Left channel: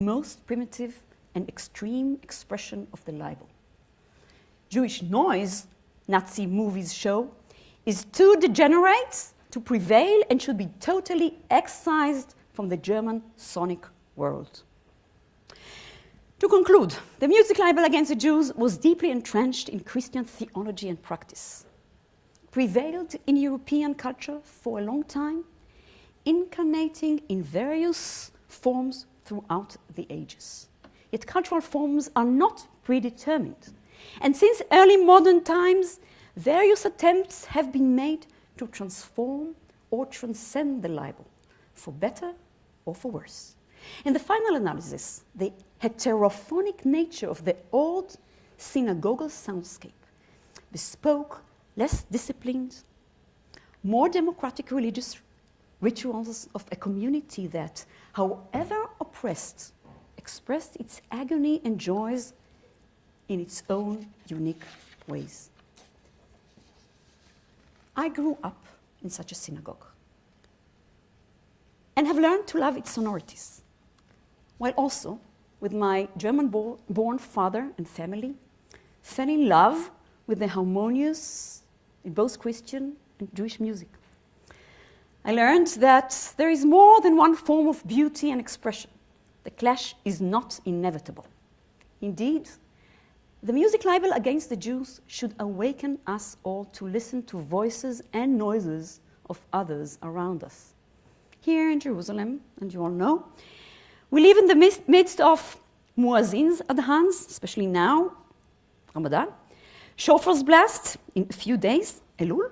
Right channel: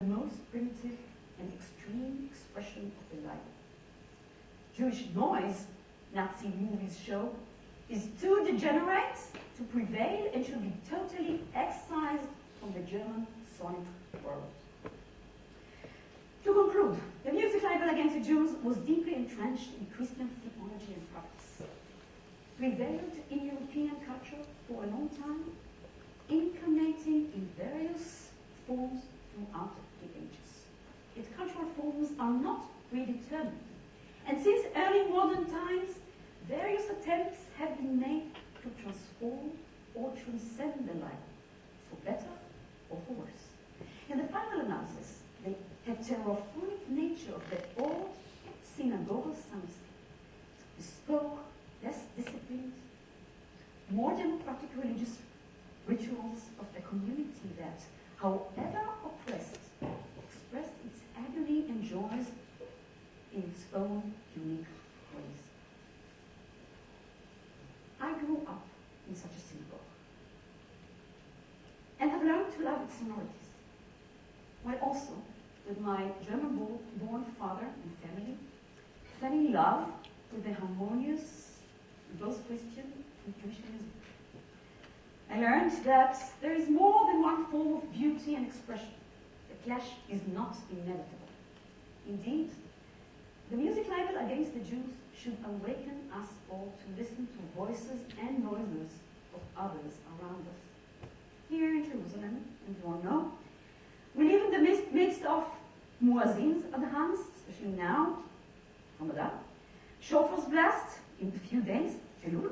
most primitive and extreme expression of the libel. Jewish noise, Nazi movies show, is too degenerate to prevail and should be totally excised from the German sonic world. To conclude, the music libel against the Jews was deeply entrenched in Christian theology and practice, prevailed in European culture for a long time, incarnating in various forms throughout the ages. Yet cultural forms are not predetermined. And since early modern times, various attempts have been made to transform or transcend the libel, for better or for worse. In the final analysis, the heterophonic nature of the old synagogal soundscape bespoke less disciplined, more democratic religious rituals of a community that, however oppressed, expressed its agony and joys in its own unique ways. I grew up in such a synagogue and have learned to love its sonorities, while also, with my German-born father and family, fell in love with the harmonious, both Christian and Jewish music. I learned that there is more than one form of beauty and expression. The clash is not inevitable. Indeed, the music libel against the Jews should awaken us all to listen to voices and noises of others around us. Here in Jerusalem, and you all know, we live in the midst of muezzins adhans, especially now, Ramadan, shofars blast in a few days, Elul,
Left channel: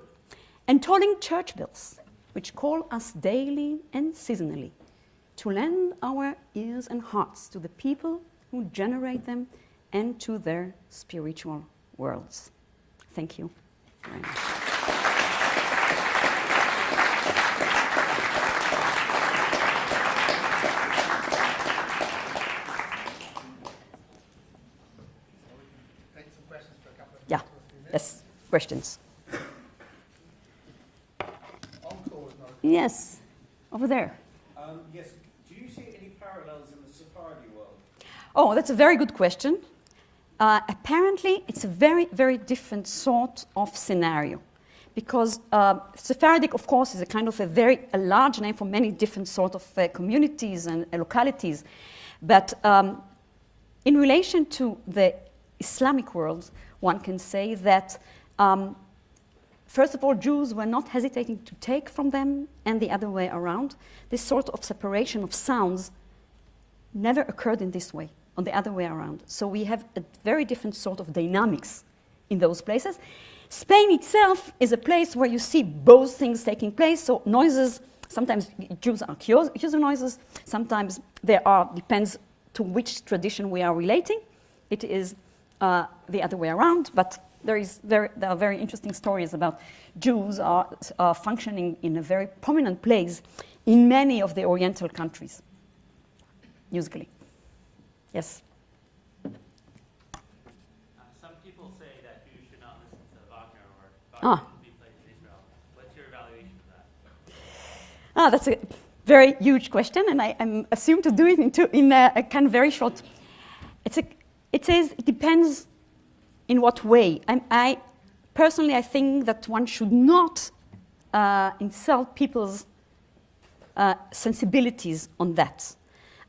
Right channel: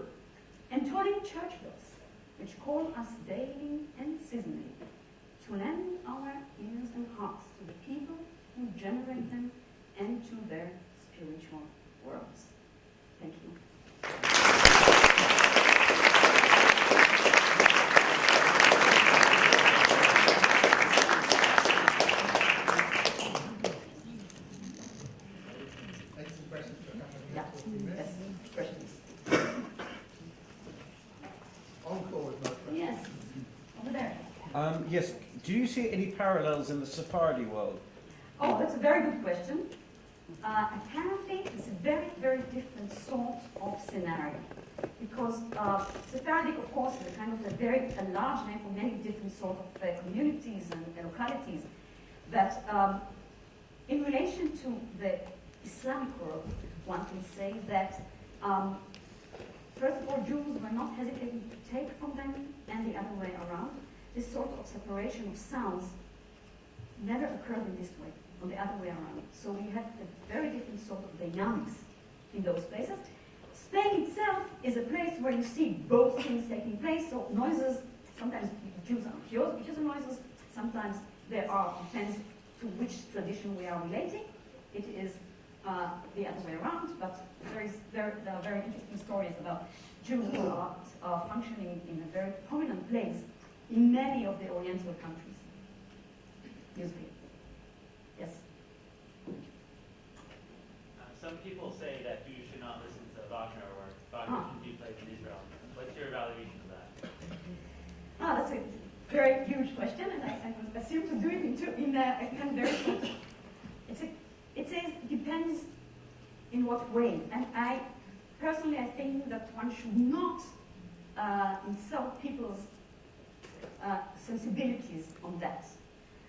and tolling church bells, which call us daily and seasonally to lend our ears and hearts to the people who generate them and to their spiritual worlds. Thank you. Yeah, yes, questions. Yes, over there. Yes, do you see any parallels in the Sephardi world? Oh, that's a very good question. Apparently, it's a very, very different sort of scenario because Sephardic, of course, is a kind of a large name for many different sort of communities and localities. But in relation to the Islamic world, one can say that first of all, Jews were not hesitating to take from them, and the other way around. This sort of separation of sounds never occurred in this way, on the other way around. So we have a very different sort of dynamics in those places. Spain itself is a place where you see both things taking place. So noises, sometimes Jews are accused of noises, sometimes there are, depends to which tradition we are relating. It is the other way around, but there are very interesting stories about Jews are functioning in a very prominent place in many of the Oriental countries, musically. Yes? Some people say that you should not listen to Wagner or Wagner shouldn't be played in Israel. What's your evaluation of that? That's a very huge question, and I'm assumed to do it in a kind of very short. It says it depends in what way. Personally, I think that one should not insult people's sensibilities on that.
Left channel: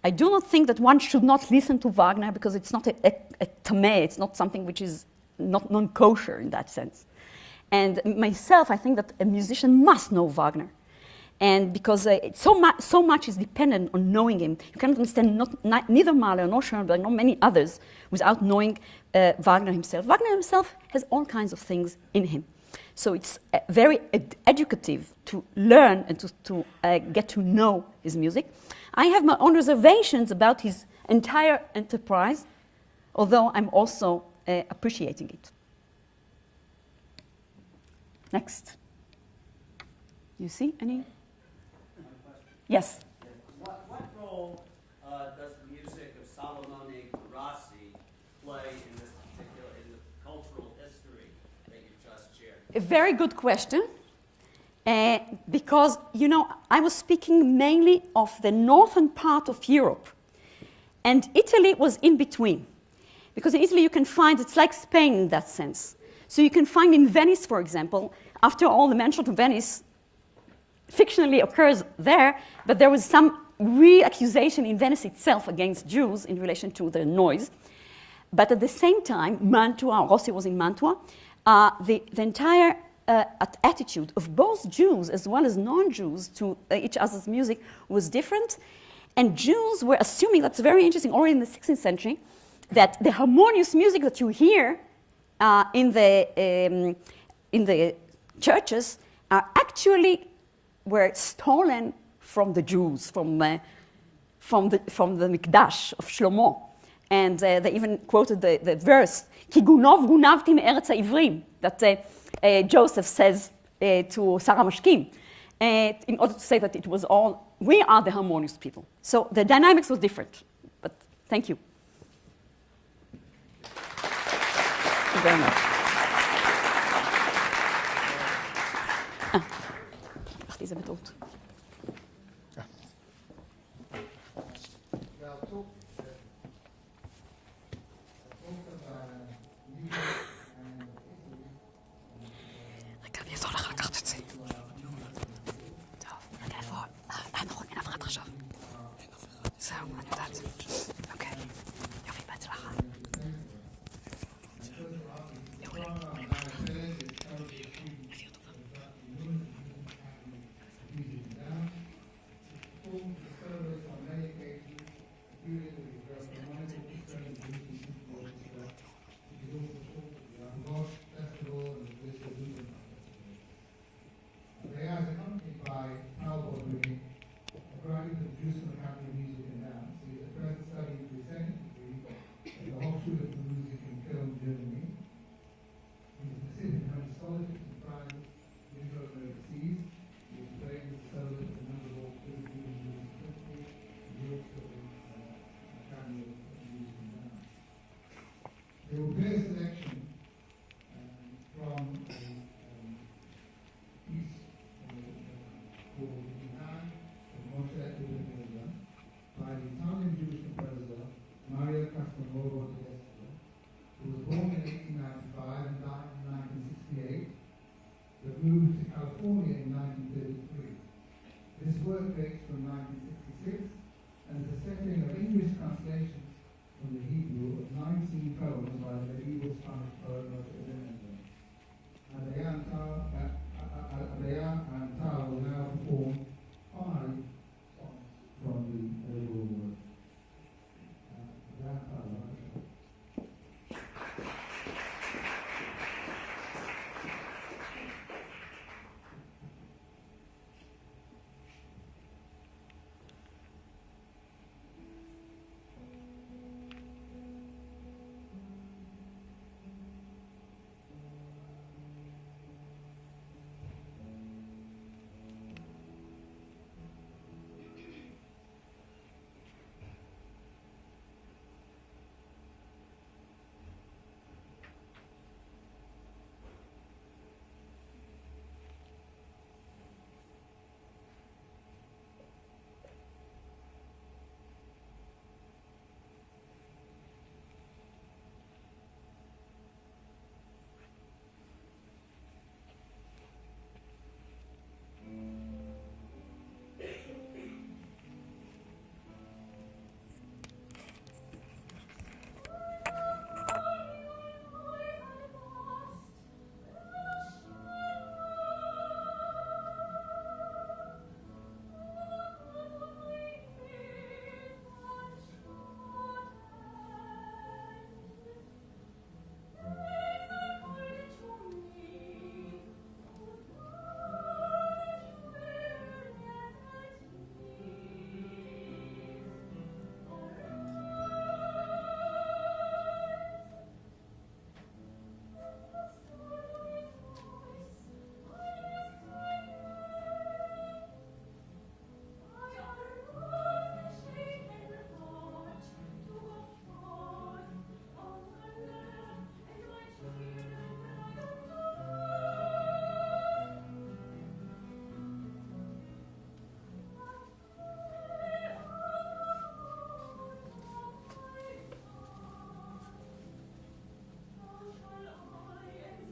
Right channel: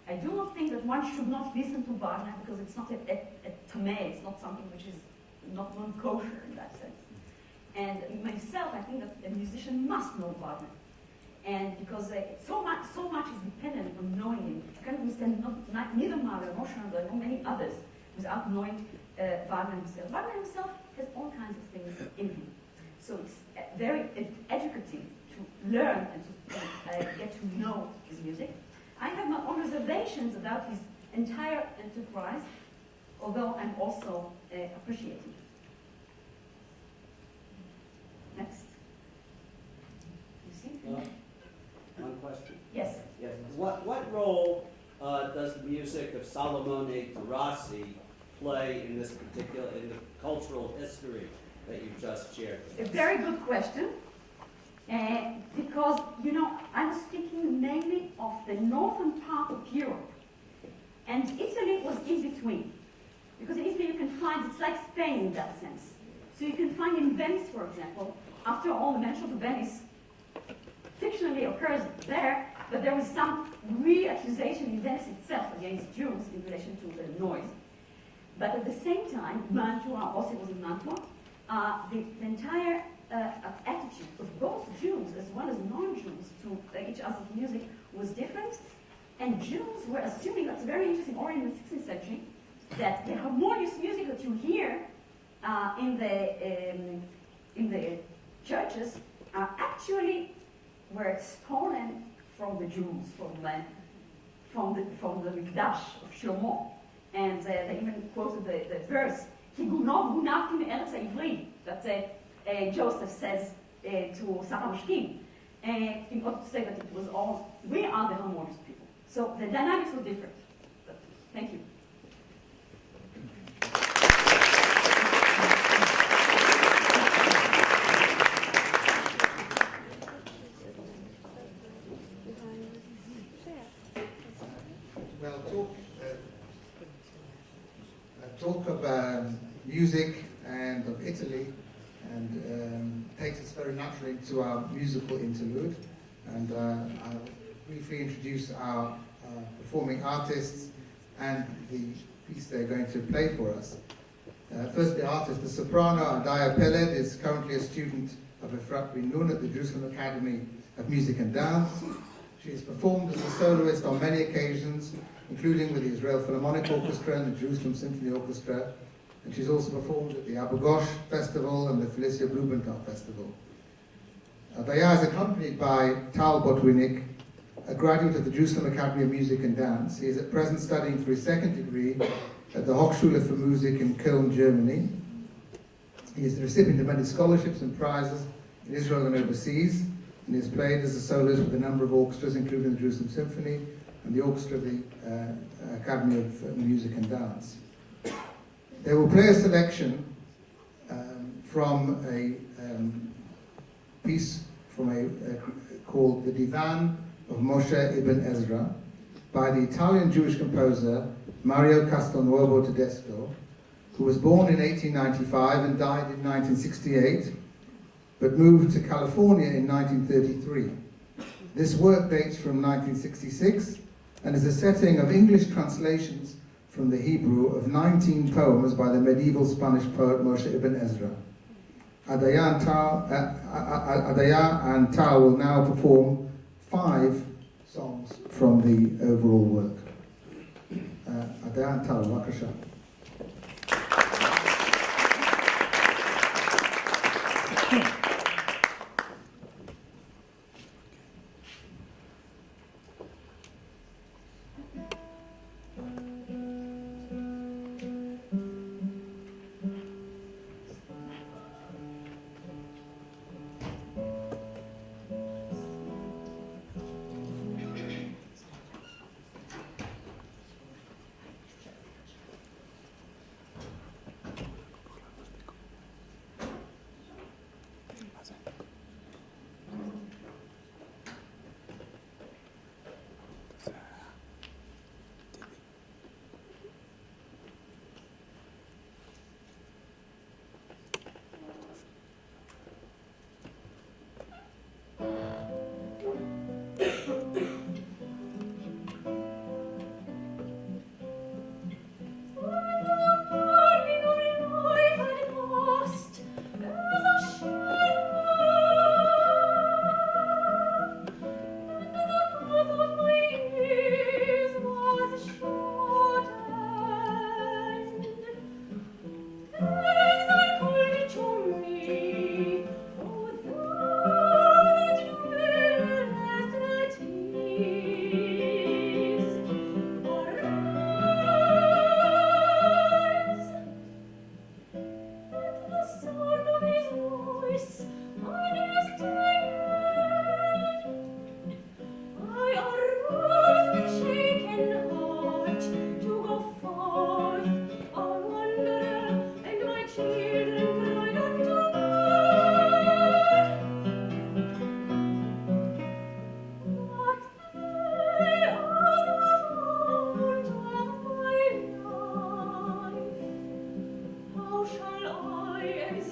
I do not think that one should not listen to Wagner because it's not a tameh, it's not something which is not non-kosher in that sense. And myself, I think that a musician must know Wagner. And because so much is dependent on knowing him. You cannot understand neither Mahler nor Schoenberg nor many others without knowing Wagner himself. Wagner himself has all kinds of things in him. So it's very educative to learn and to get to know his music. I have my own reservations about his entire enterprise, although I'm also appreciating it. Next. You see any? One question. Yes. Yes. What role does the music of Salomone Rossi play in this particular, in the cultural history that you just shared? A very good question. Because, you know, I was speaking mainly of the northern part of Europe. And Italy was in between. Because in Italy you can find, it's like Spain in that sense. So you can find in Venice, for example, after all the mention of Venice fictionally occurs there, but there was some re-accusation in Venice itself against Jews in relation to the noise. But at the same time, Mantua, Rossi was in Mantua, the entire attitude of both Jews as well as non-Jews to each other's music was different. And Jews were assuming, that's very interesting, already in the 16th century, that the harmonious music that you hear in the churches actually were stolen from the Jews, from the Mikdash of Shlomo. And they even quoted the verse, Ki gunov gunavti me'eretz ha'ivrim, that Joseph says to Sarah Mashkim, in order to say that it was all, we are the harmonious people. So the dynamics was different, but thank you. Thank you very much. Diese Methode. Well, talk of music and of Italy, and takes us into our musical interlude. And I'll briefly introduce our performing artists and the piece they're going to play for us. First, the artist, the soprano Adaya Peled, is currently a student of Efrat bin Nun at the Jerusalem Academy of Music and Dance. She has performed as a soloist on many occasions, including with the Israel Philharmonic Orchestra and the Jerusalem Symphony Orchestra, and she's also performed at the Abu Ghosh Festival and the Felicia Blumenthal Festival. Adaya is accompanied by Tal Botwinick, a graduate of the Jerusalem Academy of Music and Dance. He is at present studying for his second degree at the Hochschule für Musik in Köln, Germany. He is the recipient of many scholarships and prizes in Israel and overseas, and he has played as a soloist with a number of orchestras, including the Jerusalem Symphony and the Orchestra of the Academy of Music and Dance. They will play a selection from a piece from called The Divan of Moshe ibn Ezra by the Italian Jewish composer Mario Castelnuovo Tedesco, who was born in 1895 and died in 1968, but moved to California in 1933. This work dates from 1966 and is a setting of English translations from the Hebrew of 19 poems by the medieval Spanish poet Moshe ibn Ezra. Adaya and Tal will now perform 5 songs from the overall work. Adaya and Tal, Vakasha.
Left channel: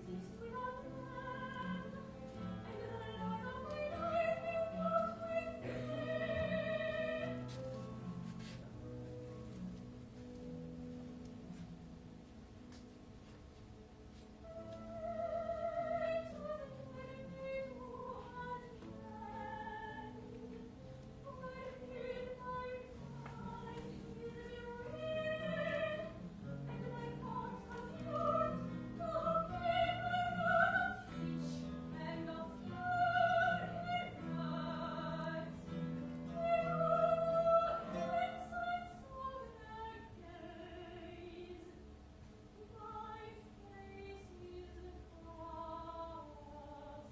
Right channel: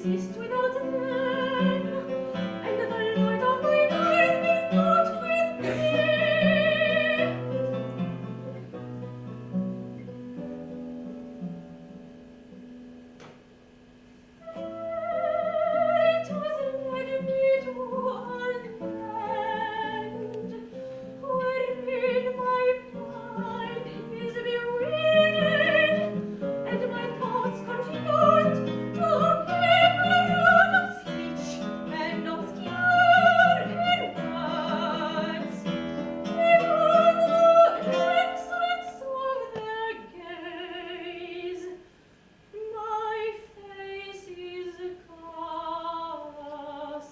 exist without them, and the light of mine eyes be not with thee. It has led me to a land wherein my mind is bewildered, and my thoughts confused to a people out of speech and obscure in words. Before the excellence of their gaze, my face is cast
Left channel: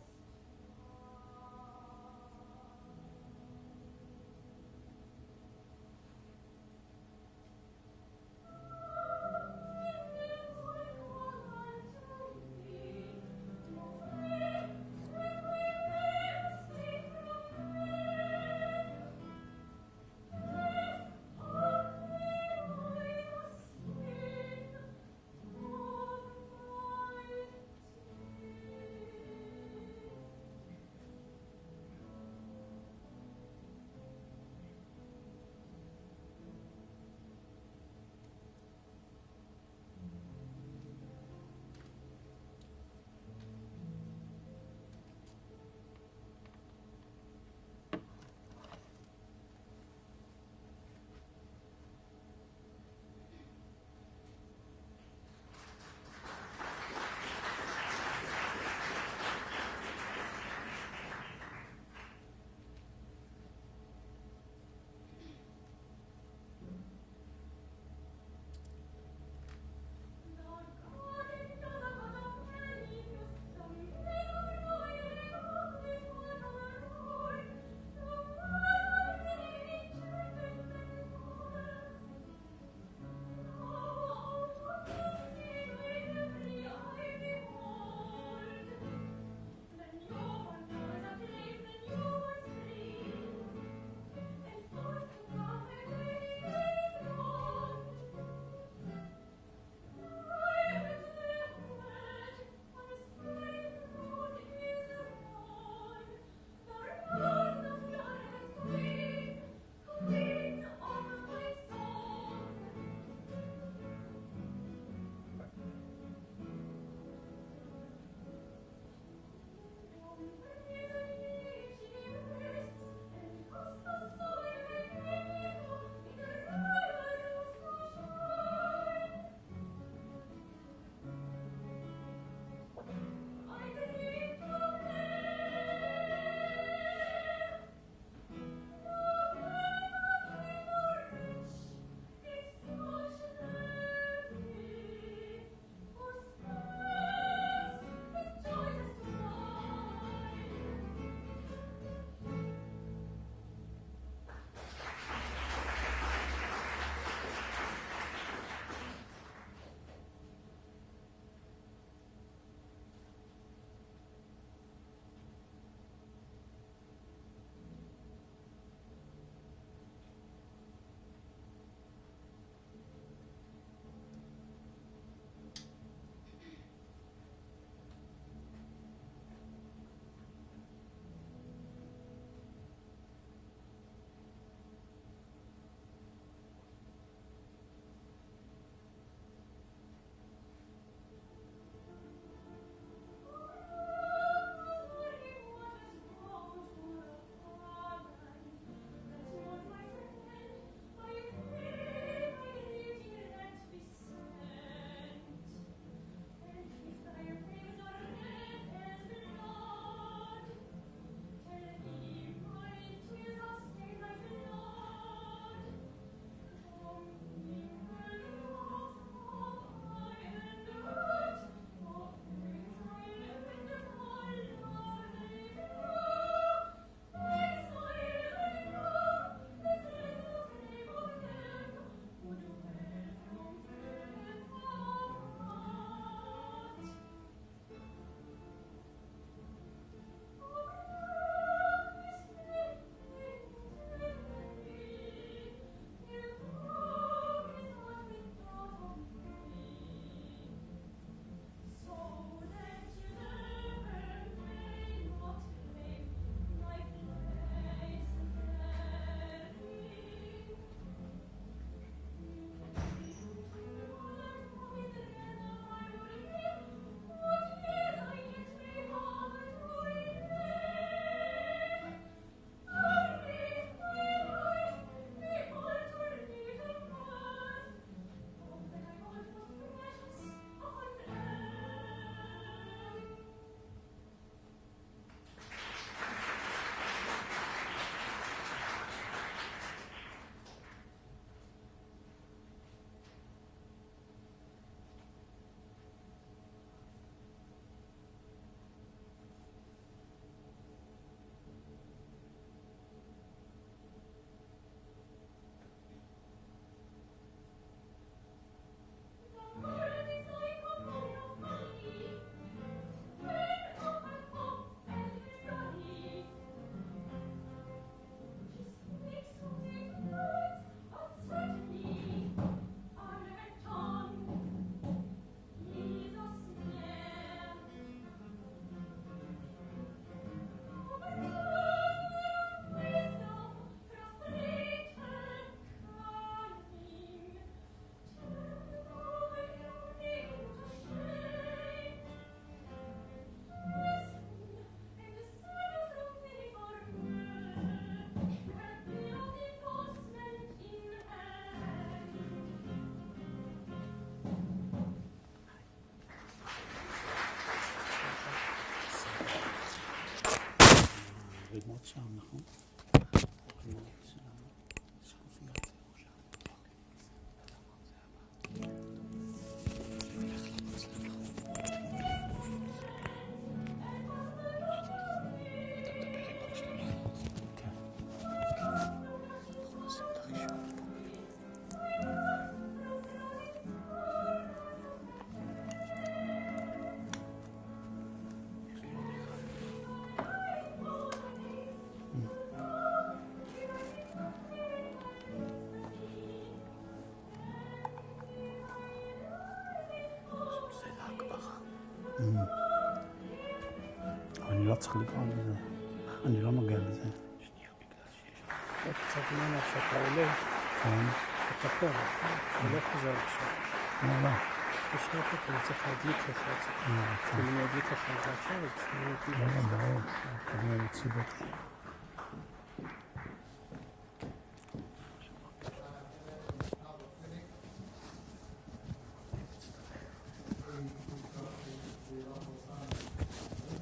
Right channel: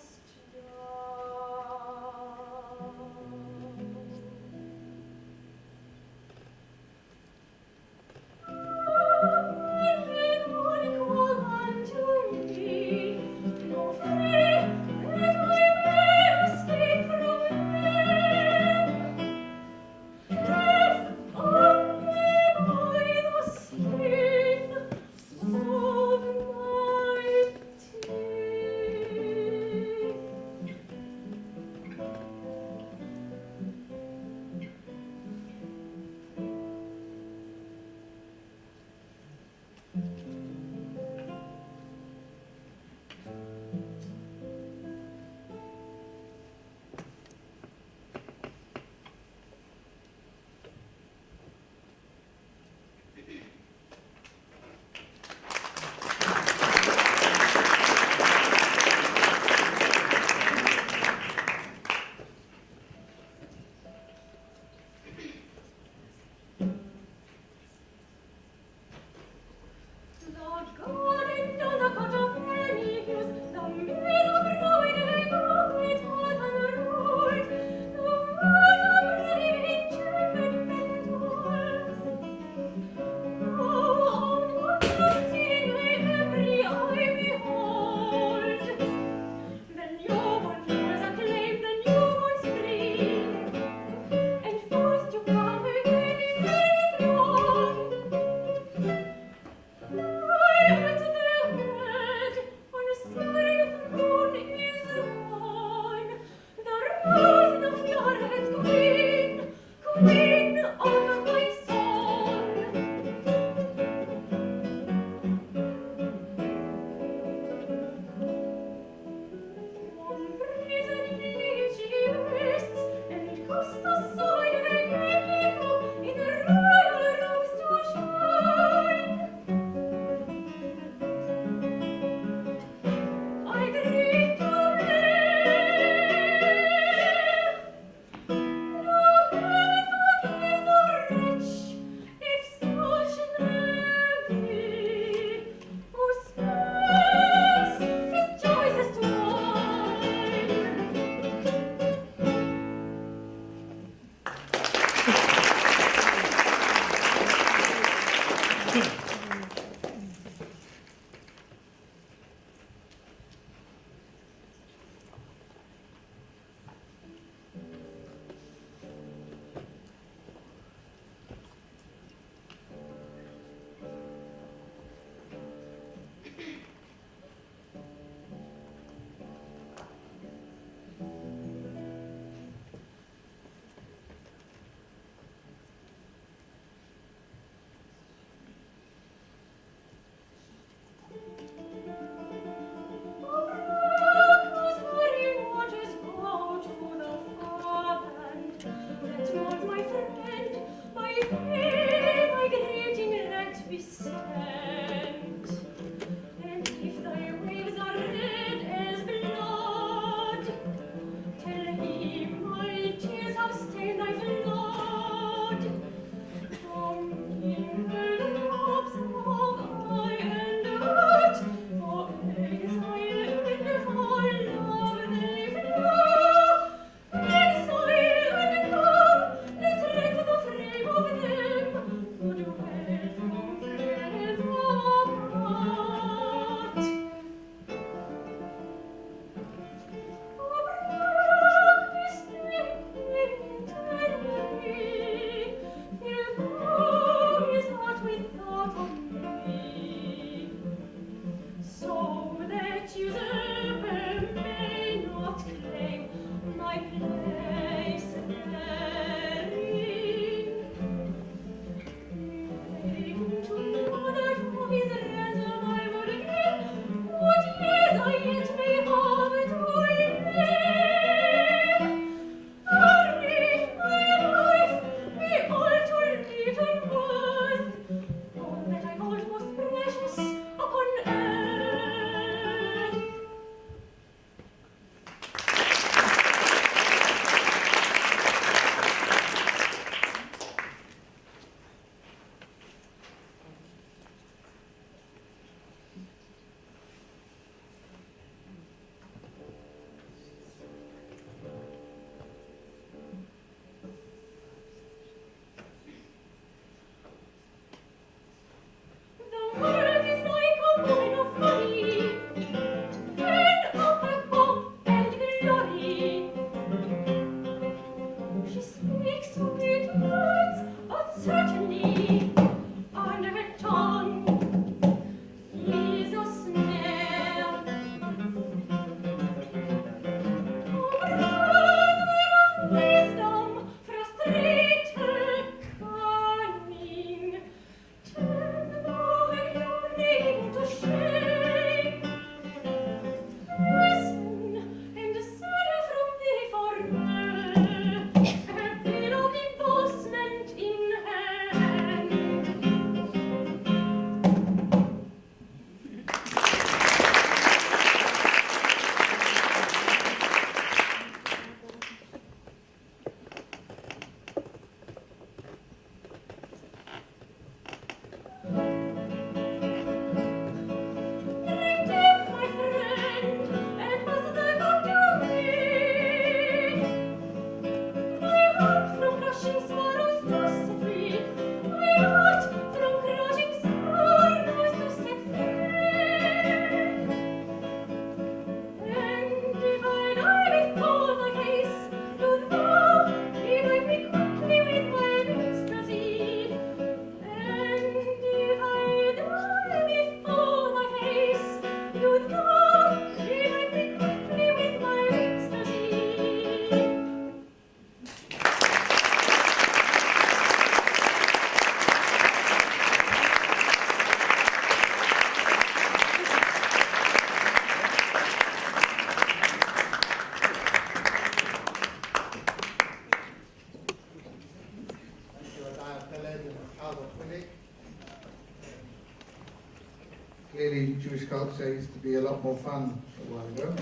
Clearly, Jewish culture used to be a lot more fun a while ago.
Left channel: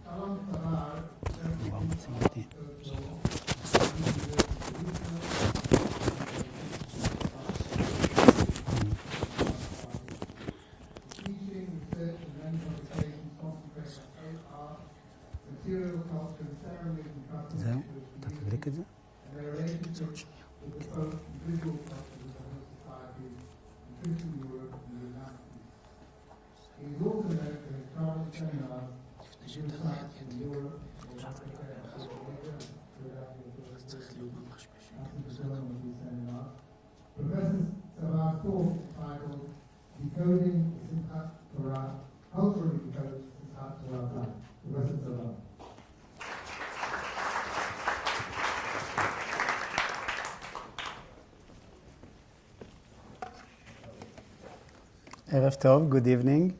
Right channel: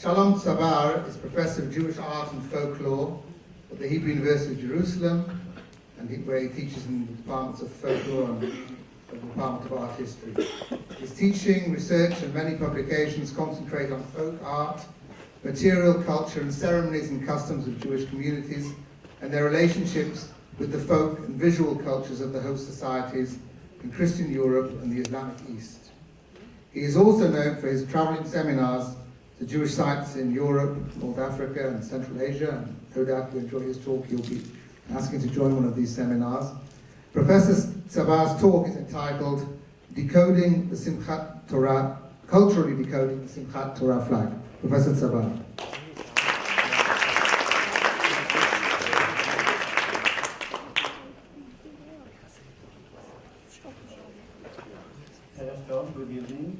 Shalom Tzavar is Professor of Jewish Art and Folklore at the Hebrew University of Jerusalem, where he teaches in the departments of folklore and the department of art history. His teaching, research, and many publications concentrate on folk art, material culture, and ceremonies and customs of Jewish communities, and their relationships with the folk and visual cultures of the host societies in Christian Europe and the Islamic East. He is also known for his traveling seminars to Jewish sites in Europe, North Africa, and Central Asia. And no doubt you enjoy his talk, you'll be asking to join one of these seminars. Professor Tzavar's talk is entitled Decoding the Simchat Torah, Culturally Decoding the Simchat Torah Flag. Professor Tzavar. Erev Tov, good evening.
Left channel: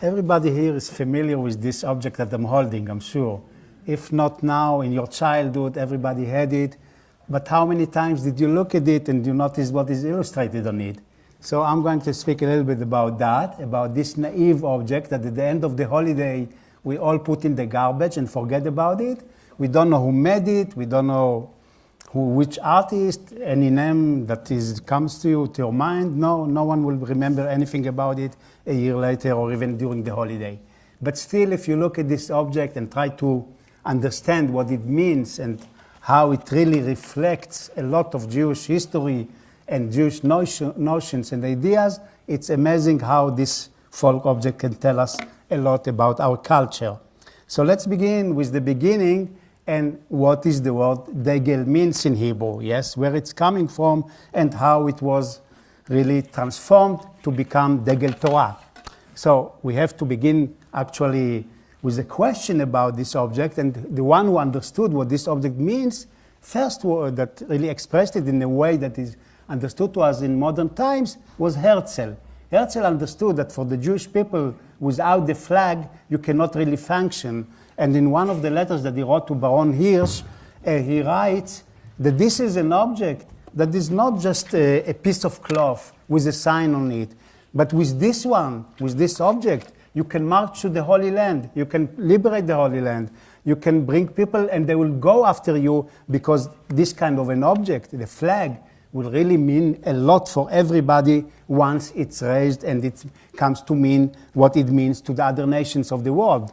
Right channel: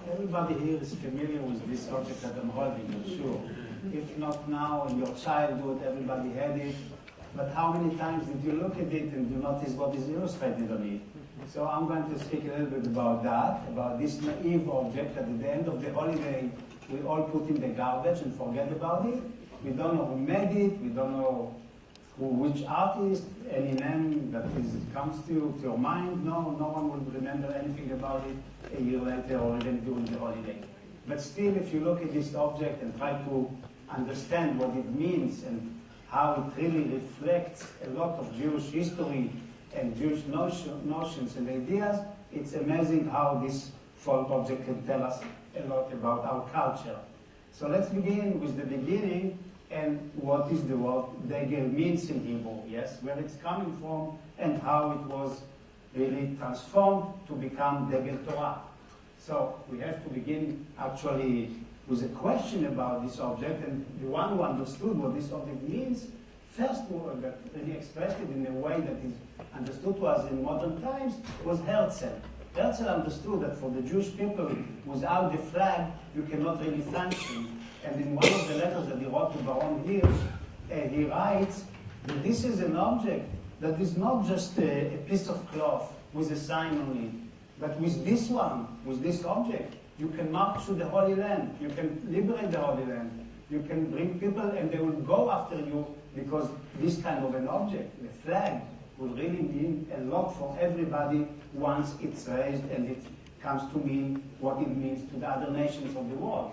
Everybody here is familiar with this object that I'm holding, I'm sure. If not now, in your childhood, everybody had it. But how many times did you look at it and you notice what is illustrated on it? So I'm going to speak a little bit about that, about this naive object that at the end of the holiday, we all put in the garbage and forget about it. We don't know who made it. We don't know which artist, any name that comes to you, to your mind. No one will remember anything about it a year later or even during the holiday. But still, if you look at this object and try to understand what it means and how it really reflects a lot of Jewish history and Jewish notions and ideas, it's amazing how this folk object can tell us a lot about our culture. So let's begin with the beginning and what is the word degel means in Hebrew, yes, where it's coming from and how it was really transformed to become degel Torah. So we have to begin actually with a question about this object, and the one who understood what this object means, first word that really expressed it in a way that is understood to us in modern times was Herzl. Herzl understood that for the Jewish people, without the flag, you cannot really function. And in one of the letters that he wrote to Baron Hirsch, he writes that this is an object that is not just a piece of cloth with a sign on it, but with this one, with this object, you can march to the Holy Land, you can liberate the Holy Land, you can bring people and they will go after you because this kind of an object, the flag, will really mean a lot for everybody once it's raised and it comes to mean what it means to the other nations of the world.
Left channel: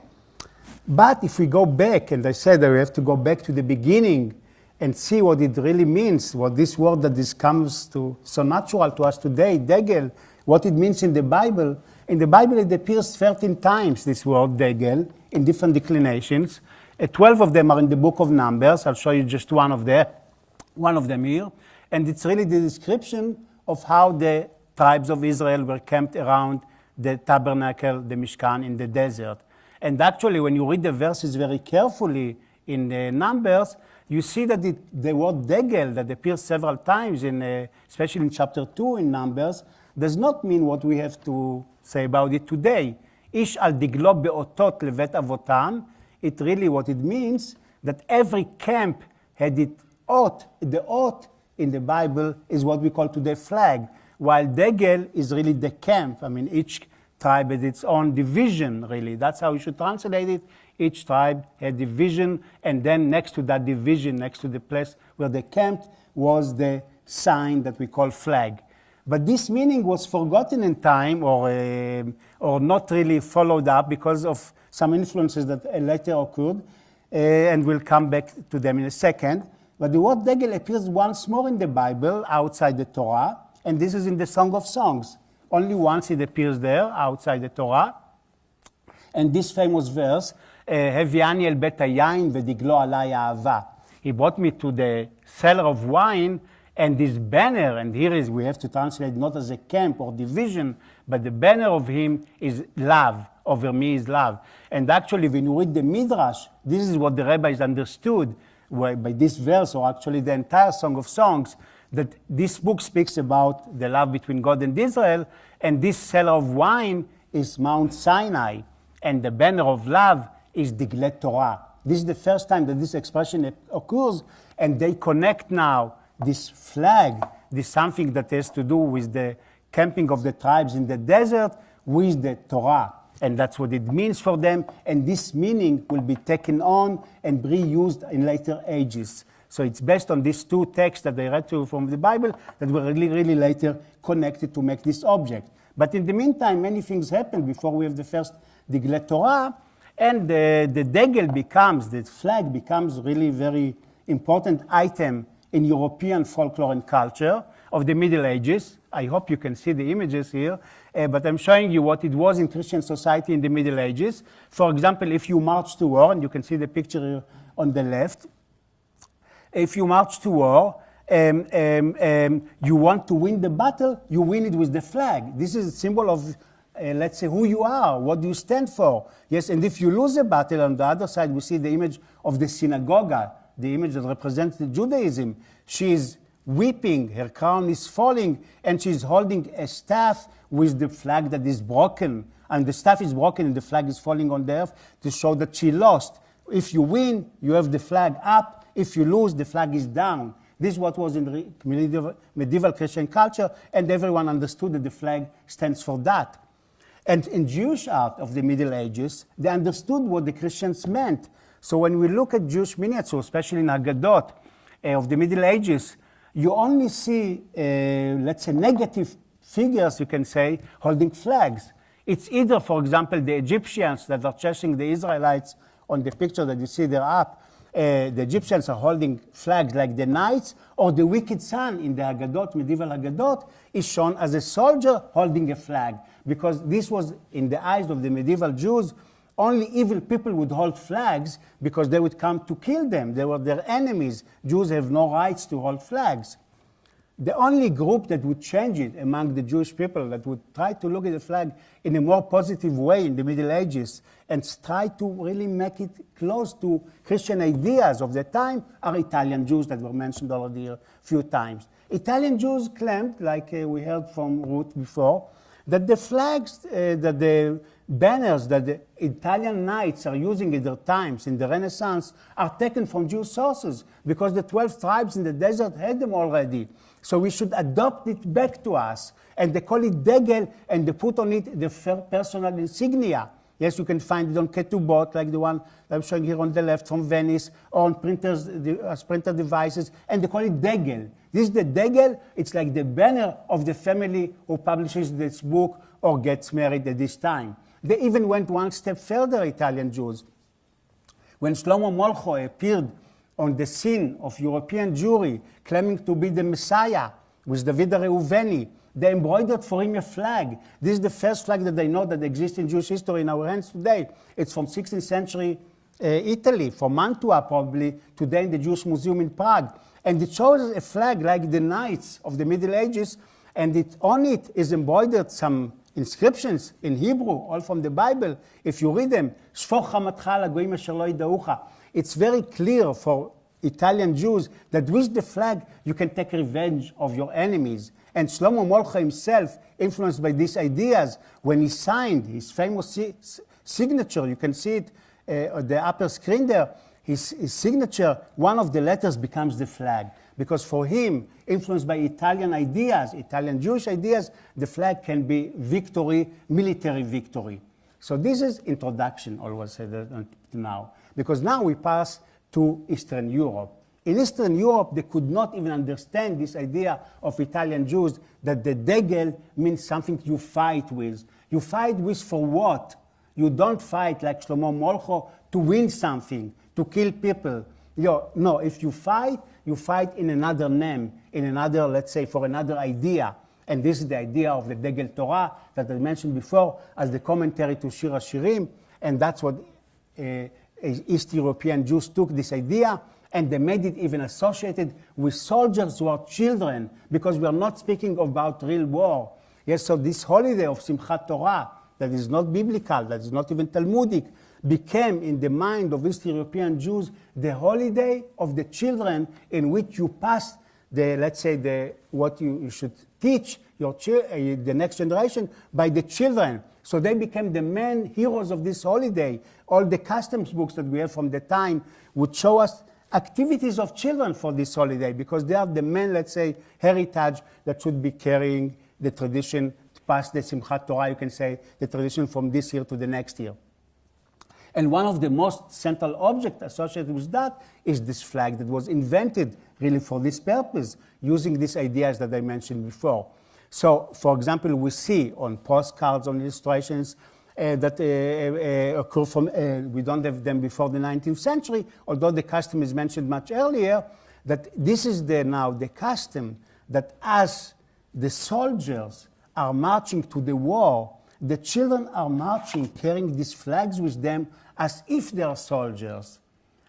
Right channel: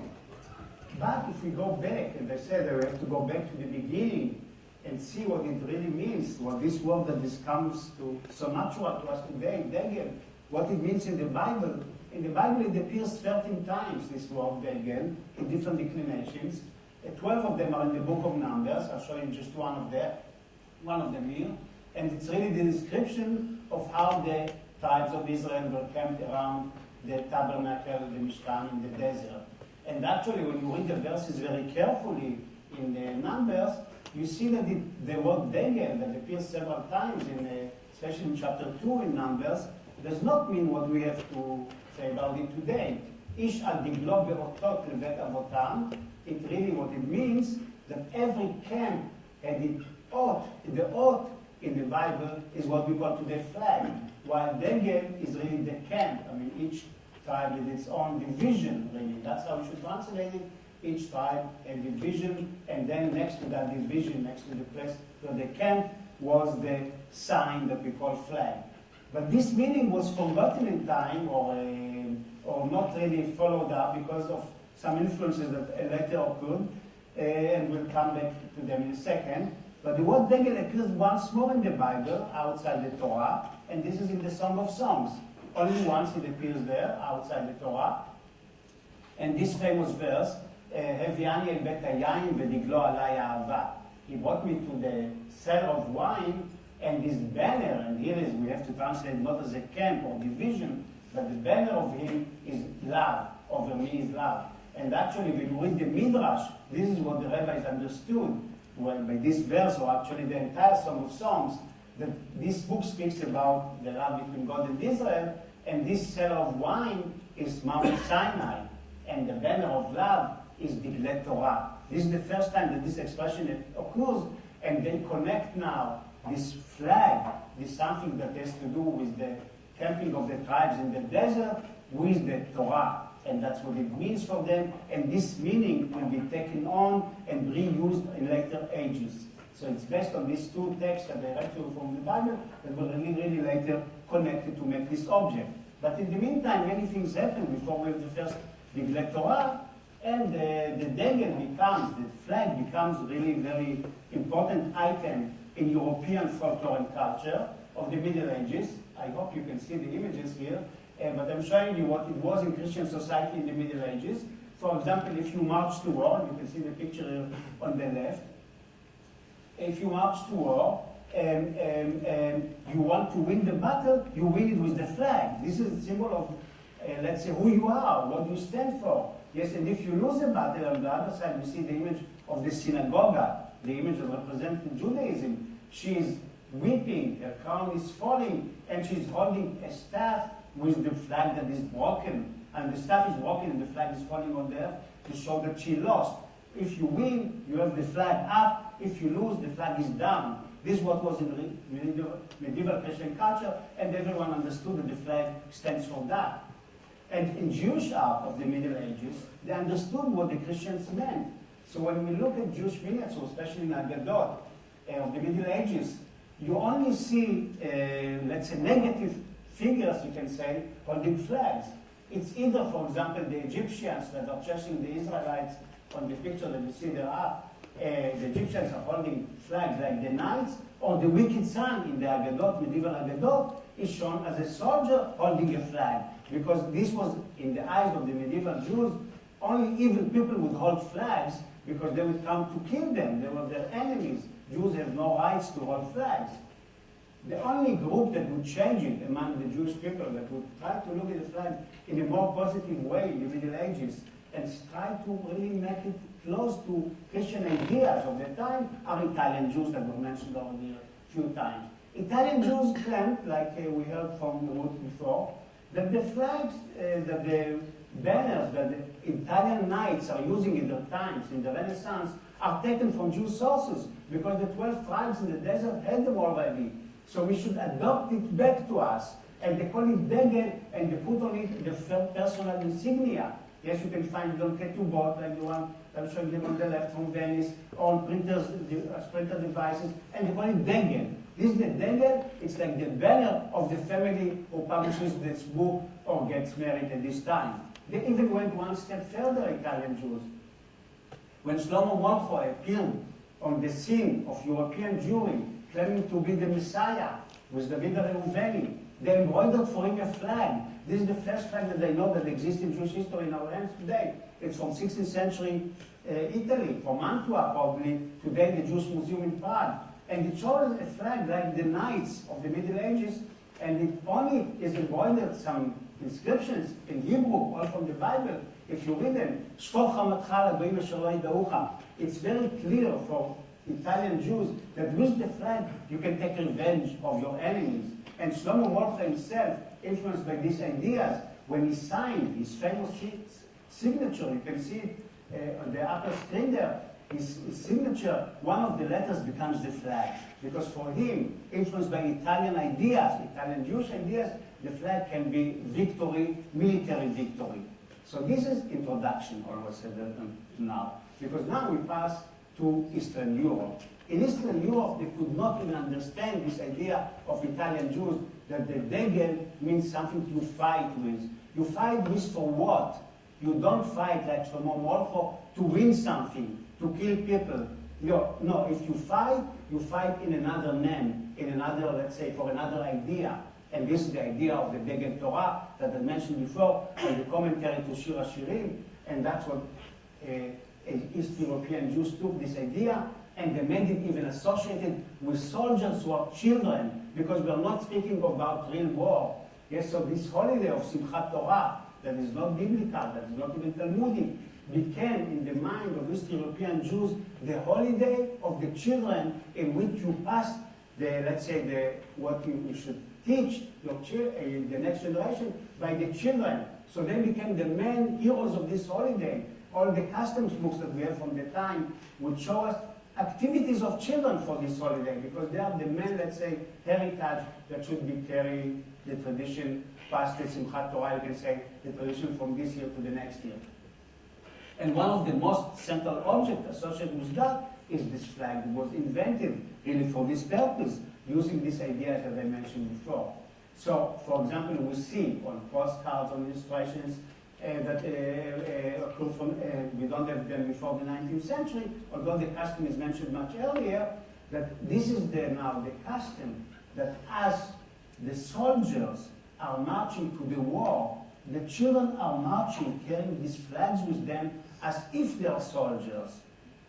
But if we go back, and I said that we have to go back to the beginning and see what it really means, what this word that this comes to so natural to us today, degel, what it means in the Bible. In the Bible it appears 13 times, this word degel, in different declinations. 12 of them are in the book of Numbers. I'll show you just one of them here. And it's really the description of how the tribes of Israel were camped around the tabernacle, the Mishkan, in the desert. And actually, when you read the verses very carefully in the Numbers, you see that the word degel that appears several times, especially in chapter 2 in Numbers, does not mean what we have to say about it today. Ish al diglo beotot levet avotam. It really, what it means, that every camp had its oath. The oath in the Bible is what we call today flag, while degel is really the camp. I mean, each tribe had its own division, really. That's how we should translate it. Each tribe had division, and then next to that division, next to the place where they camped, was the sign that we call flag. But this meaning was forgotten in time, or not really followed up because of some influences that later occurred, and we'll come back to them in a second. But the word degel appears once more in the Bible, outside the Torah, and this is in the Song of Songs. Only once it appears there, outside the Torah. And this famous verse, Heviani el bet hayayin v'diglo alay ahava. He brought me to the cellar of wine, and this banner, and here is, we have to translate not as a camp or division, but the banner of him is love. Over me is love. And actually, when you read the Midrash, this is what the rabbis understood by this verse, or actually the entire Song of Songs, that this book speaks about the love between God and Israel, and this cellar of wine is Mount Sinai, and the banner of love is Diglei Torah. This is the first time that this expression occurs, and they connect now this flag this something that has to do with the camping of the tribes in the desert with the Torah. And that's what it means for them. And this meaning will be taken on and reused in later ages. So it's based on these two texts that I read to you from the Bible that were really, really later connected to make this object. But in the meantime, many things happened before we have the first Diglei Torah. And the degel becomes, the flag becomes really very important item in European folklore and culture of the Middle Ages. I hope you can see the images here, but I'm showing you what it was in Christian society in the Middle Ages. For example, if you march to war, and you can see the picture here on the left, if you march to war, you want to win the battle, you win it with the flag. This is a symbol of, let's say, who you are, what do you stand for. Yes, and if you lose a battle, on the other side, we see the image of the synagogue, the image that represents Judaism. She is weeping, her crown is falling, and she's holding a staff with the flag that is broken. And the staff is broken and the flag is falling on the earth to show that she lost. If you win, you have the flag up. If you lose, the flag is down. This is what was in medieval Christian culture, and everyone understood that the flag stands for that. And in Jewish art of the Middle Ages, they understood what the Christians meant. So when we look at Jewish miniatures, especially in Haggadot of the Middle Ages, you only see, let's say, negative figures, you can say, holding flags. It's either, for example, the Egyptians that are chasing the Israelites on the picture that you see there up. The Egyptians are holding flags like the knights, or the wicked son in the Haggadot, medieval Haggadot, is shown as a soldier holding a flag. Because this was, in the eyes of the medieval Jews, only evil people would hold flags because they would come to kill them. They were their enemies. Jews have no rights to hold flags. The only group that would change it among the Jewish people, that would try to look at the flag in a more positive way in the Middle Ages and try to really make it close to Christian ideas of the time, are Italian Jews that were mentioned already a few times. Italian Jews claimed, like we heard from Ruth before, that the flags, that the banners that the Italian knights are using in their times, in the Renaissance, are taken from Jewish sources because the 12 tribes in the desert had them already. So we should adopt it back to us. And they call it degel, and they put on it the personal insignia. Yes, you can find it on ketubot, like the one I'm showing here on the left from Venice, or on printers, printer devices, and they call it degel. This is the degel. It's like the banner of the family who publishes this book or gets married at this time. They even went one step further, Italian Jews. When Shlomo Molcho appeared on the scene of European Jewry, claiming to be the Messiah, with David Reuveni, they embroidered for him a flag. This is the first flag that they know that exists in Jewish history in our hands today. It's from 16th century Italy, from Mantua probably, today the Jewish Museum in Prague. And it shows a flag like the knights of the Middle Ages, and on it is embroidered some inscriptions in Hebrew, all from the Bible. If you read them, it's very clear for Italian Jews that with the flag you can take revenge of your enemies. And Shlomo Molcho himself, influenced by these ideas, when he signed his famous signature, you can see it on the upper screen there, his signature, one of the letters becomes the flag. Because for him, influenced by Italian ideas, Italian Jewish ideas, the flag can be victory, military victory. So this is introduction, always said now. Because now we pass to Eastern Europe. In Eastern Europe, they could not even understand this idea of Italian Jews that the degel means something you fight with. You fight with for what? You don't fight like Shlomo Molcho to win something, to kill people. No, if you fight in another name, in another, let's say, for another idea. And this is the idea of the Degel Torah that I mentioned before as the commentary to Shir HaShirim. And that's what East European Jews took this idea, and they made it even associated with soldiers who are children, because we are not speaking about real war. Yes, so this holiday of Simchat Torah, that is not biblical, that is not even Talmudic, became in the mind of East European Jews the holiday of the children, in which you pass the, let's say, what you should teach the next generation by the children. So they became the main heroes of this holiday. All the customs books that we have from the time would show us activities of children for this holiday because they are the main, let's say, heritage that should be carrying the tradition past the Simchat Torah, you can say, the tradition from this year to the next year. And one of the most central objects associated with that is this flag that was invented really for this purpose, using these ideas that I mentioned before. So, for example, we see on postcards, on illustrations that occur from, we don't have them before the 19th century, although the custom is mentioned much earlier, that this is now the custom that as the soldiers are marching to the war, the children are marching carrying these flags with them as if they are soldiers.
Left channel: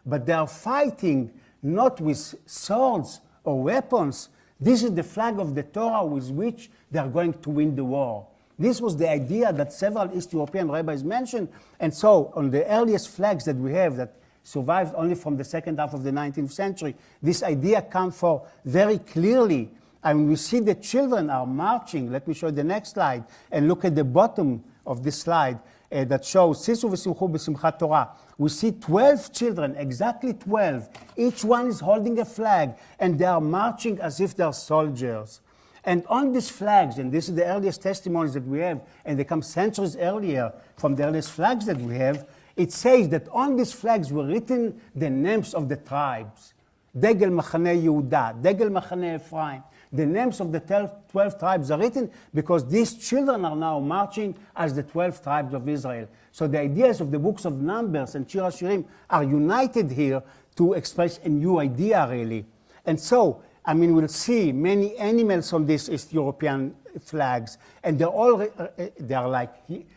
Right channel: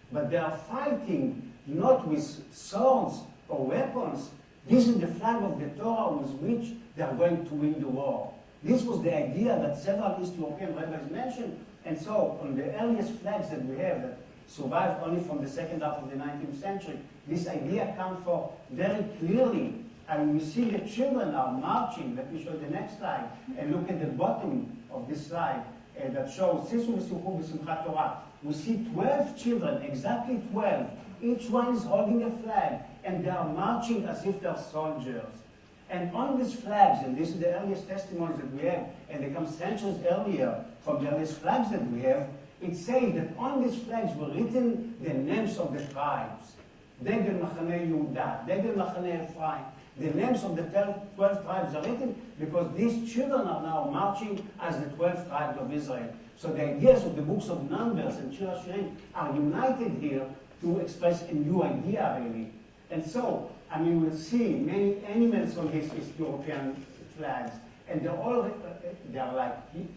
But they are fighting not with swords or weapons. This is the flag of the Torah with which they are going to win the war. This was the idea that several East European rabbis mentioned. And so on the earliest flags that we have that survived only from the second half of the 19th century, this idea comes for very clearly. And we see the children are marching. Let me show you the next slide. And look at the bottom of this slide that shows Sisu v'simchu b'simchat Torah. We see 12 children, exactly 12. Each one is holding a flag, and they are marching as if they are soldiers. And on these flags, and this is the earliest testimonies that we have, and they come centuries earlier from the earliest flags that we have, it says that on these flags were written the names of the tribes. Degel Machane Yehuda, Degel Machane Ephraim. The names of the 12 tribes are written because these children are now marching as the 12 tribes of Israel. So the ideas of the books of Numbers and Shir HaShirim are united here to express a new idea, really. And so, I mean, we'll see many animals on these East European flags, and they are like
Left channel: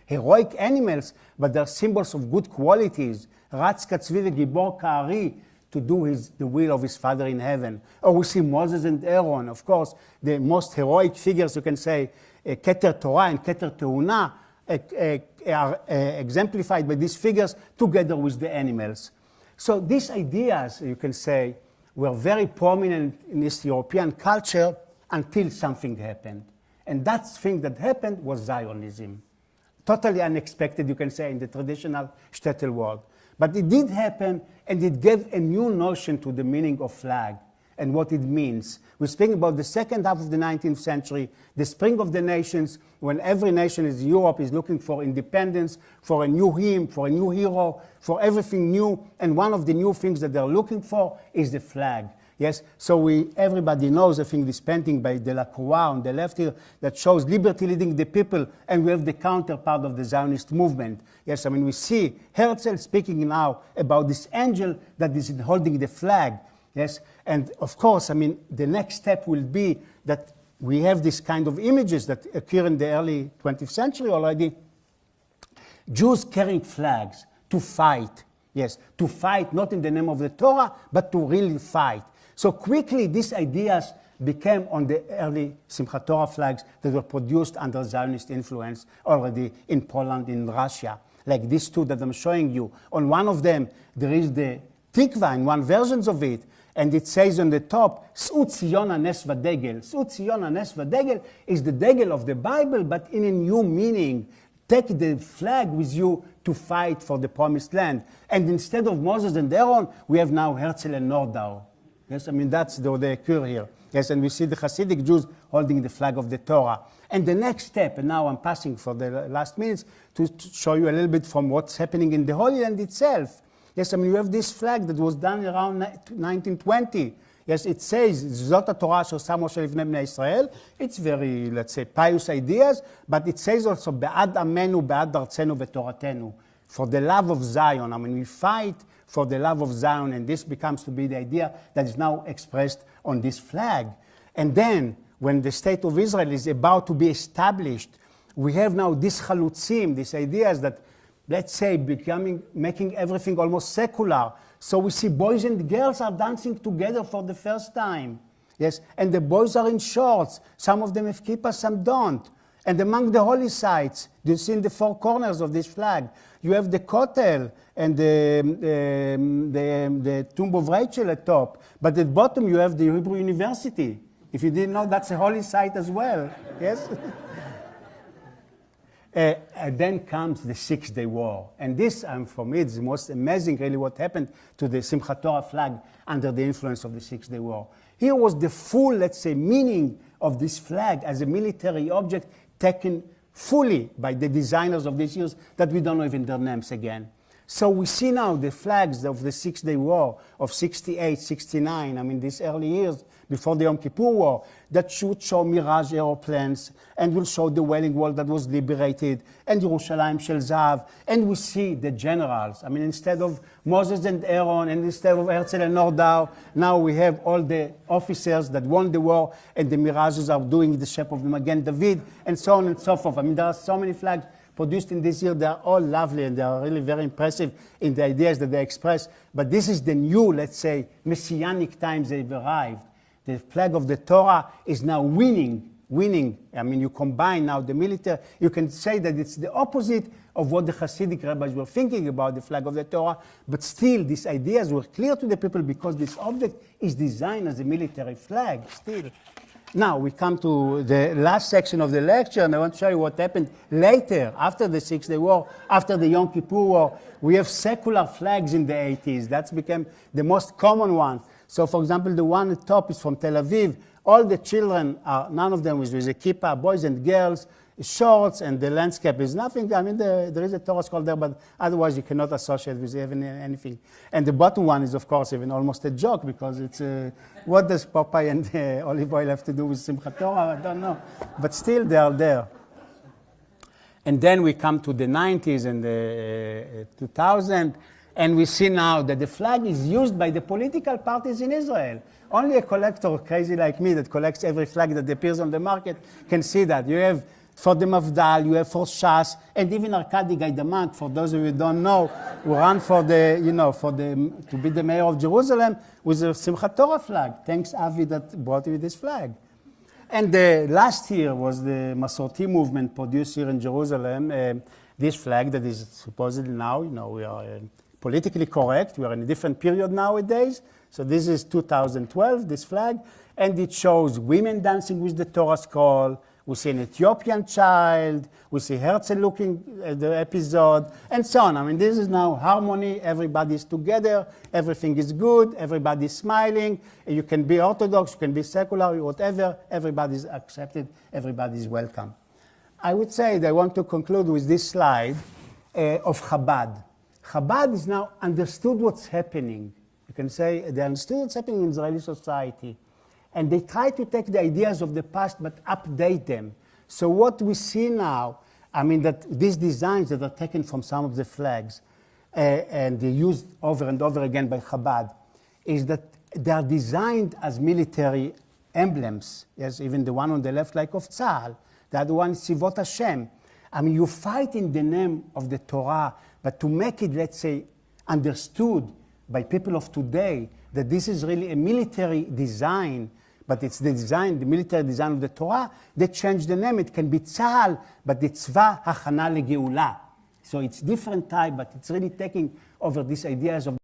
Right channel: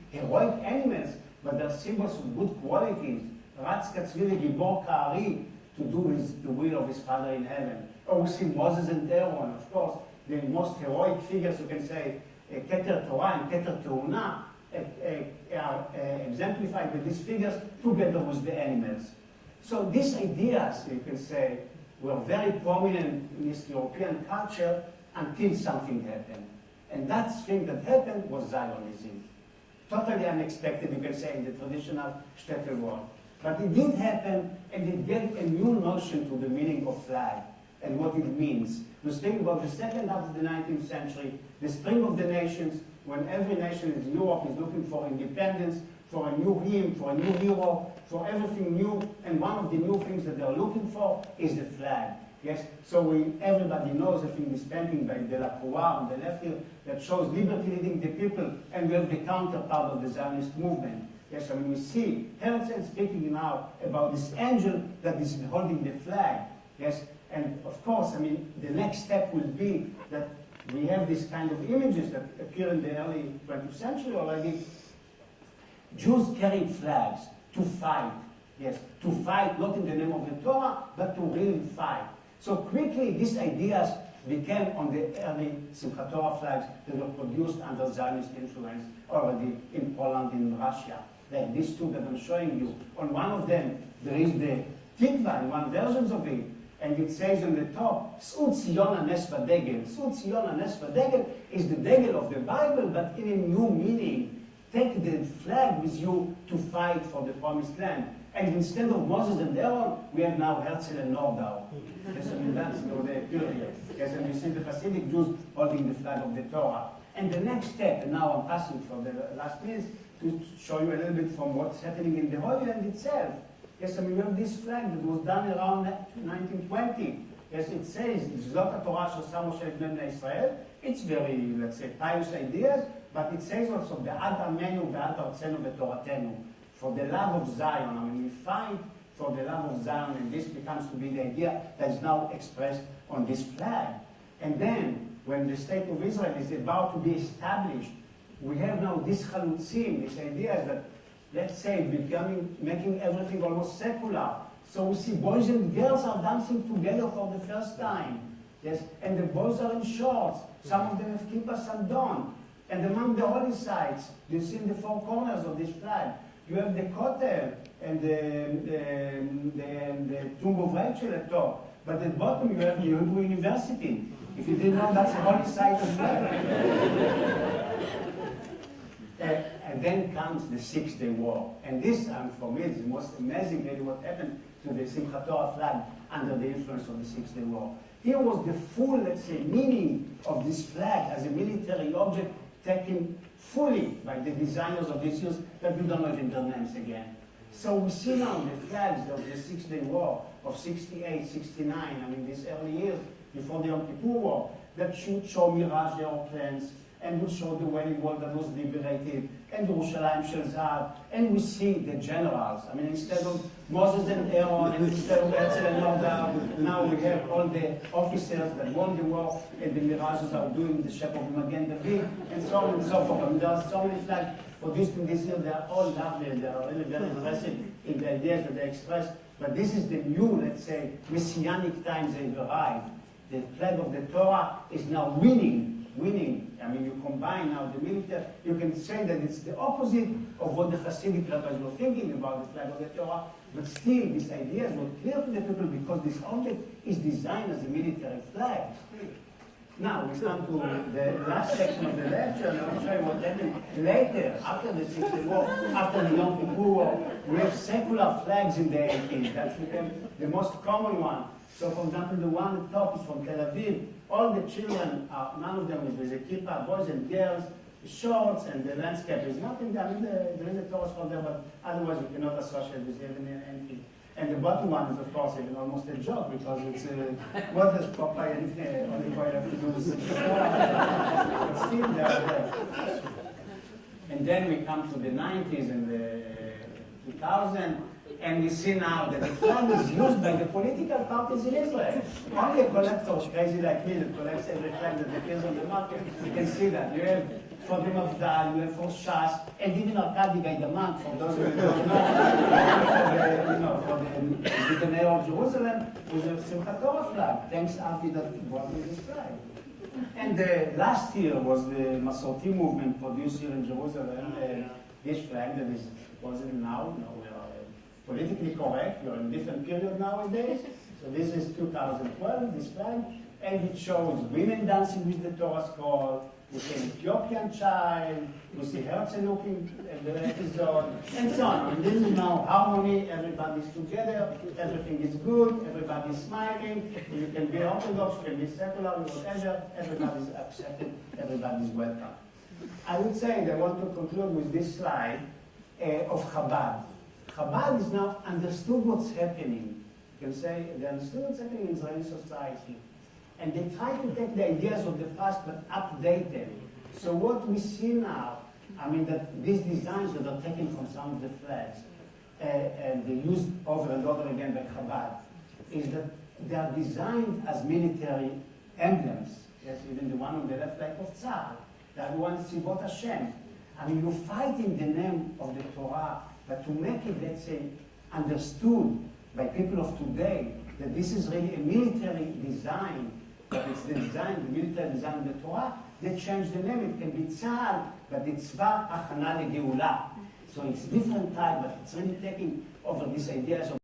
heroic animals, but they're symbols of good qualities. Ratz Katzvi v'Gibor Ka'ari, to do the will of his Father in heaven. Or we see Moses and Aaron, of course, the most heroic figures, you can say, Keter Torah and Keter Teuna, are exemplified by these figures together with the animals. So these ideas, you can say, were very prominent in East European culture until something happened. And that thing that happened was Zionism. Totally unexpected, you can say, in the traditional shtetl world. But it did happen, and it gave a new notion to the meaning of flag and what it means. We speak about the second half of the 19th century, the spring of the nations, when every nation in Europe is looking for independence, for a new hymn, for a new hero, for everything new. And one of the new things that they're looking for is the flag. Yes, so everybody knows, I think, this painting by Delacroix on the left here that shows liberty leading the people, and we have the counterpart of the Zionist movement. Yes, I mean, we see Herzl speaking now about this angel that is holding the flag. Yes, and of course, I mean, the next step will be that we have this kind of images that appear in the early 20th century already. Jews carrying flags to fight. Yes, to fight not in the name of the Torah, but to really fight. So quickly, these ideas became on the early Simchat Torah flags that were produced under Zionist influence already in Poland, in Russia. Like these two that I'm showing you. On one of them, there is the Tikva in one version of it, and it says on the top, S'u Tzion HaNes V'Degel. S'u Tzion HaNes V'Degel is the Degel of the Bible, but in a new meaning. Take the flag with you to fight for the promised land. And instead of Moses and Aaron, we have now Herzl and Nordau. Yes, I mean, that's the occur here. Yes, and we see the Hasidic Jews holding the flag of the Torah. And the next step, and now I'm passing for the last minutes to show you a little bit from what's happening in the Holy Land itself. Yes, I mean, you have this flag that was done around 1920. Yes, it says, Zot Torah Asher Sam Moshe Lifnei Bnei Israel. It's very, let's say, pious ideas, but it says also, Be'ad Amenu, Be'ad Artzenu, Be'toratenu. For the love of Zion. I mean, we fight for the love of Zion, and this becomes to be the idea that is now expressed on this flag. And then, when the state of Israel is about to be established, we have now these chalutzim, these ideas that, let's say, making everything almost secular. So we see boys and girls are dancing together for the first time. Yes, and the boys are in shorts. Some of them have kippah, some don't. And among the holy sites, you see in the four corners of this flag, you have the Kotel and the Tomb of Rachel at top. But at the bottom, you have the Hebrew University. If you didn't know, that's a holy site as well. Yes? And then comes the 6-Day War. And this, for me, is the most amazing, really, what happened to the Simchat Torah flag under the influence of the 6-Day War. Here was the full, let's say, meaning of this flag as a military object taken fully by the designers of these years that we don't know even their names again. So we see now the flags of the 6-Day War of 68, 69, I mean these early years before the Yom Kippur War, that should show Mirage aeroplanes and will show the Wailing Wall that was liberated and Yerushalayim Shel Zahav, and we see the generals. I mean, instead of Moses and Aaron and instead of Herzl and Nordau, now we have all the officers that won the war and the Mirages are doing the shape of Magen David and so on and so forth. I mean, there are so many flags produced in this year. They are all lovely and they are really very impressive in the ideas that they express. But this is the new, let's say, messianic times they've arrived. The flag of the Torah is now winning. I mean, you combine now the military. You can say that it's the opposite of what the Hasidic rabbis were thinking about the flag of the Torah. But still, these ideas were clear to the people because this object is designed as a military flag still. Now, we come to the last section of the lecture, and I want to show you what happened later, after the 6-Day War, after the Yom Kippur War. We have secular flags in the 80s. That's become the most common one. So, for example, the one at the top is from Tel Aviv. All the children are, none of them with a kippah, boys and girls, shorts, and the landscape is nothing. I mean, there is a Torah scroll there, but otherwise you cannot associate with even anything. And the bottom one is, of course, even almost a joke because it's, what does Popeye and olive oil have to do with Simchat Torah? I don't know. But still, they are there. And then we come to the 90s and the 2000. And we see now that the flag is used by the political parties in Israel. Only a collector crazy like me that collects every flag that appears on the market can see that. You have for the Mafdal, you have for Shas, and even Arkady Gaidamak, for those of you who don't know, who ran for the, to be the mayor of Jerusalem with a Simchat Torah flag. Thanks, Avi, that brought you this flag. And last year was the Masorti movement produced here in Jerusalem. This flag that is supposedly now, we are politically correct. We are in a different period nowadays. So this is 2012, this flag. And it shows women dancing with the Torah scroll. We see an Ethiopian child. We see Herzl looking at the episode, and so on. I mean, this is now harmony. Everybody's together. Everything is good. Everybody's smiling. You can be Orthodox. You can be secular, whatever. Everybody's accepted. Everybody's welcome. I would say that I want to conclude with this slide of Chabad. Chabad is now understood what's happening. You can say they understood what's happening in Israeli society. And they try to take the ideas of the past but update them. So what we see now, I mean that these designs that are taken from some of the flags and they're used over and over again by Chabad, is that they are designed as military emblems. Yes, even the one on the left like of Tzahal, the other one Sivot Hashem. I mean, you fight in the name of the Torah, but to make it, let's say, understood by people of today, that this is really a military design, but it's the design, the military design of the Torah, they change the name. It can be Tzahal, but it's Tzva Hachana LeGeula. So it's different type, but it's really taking over these ideas of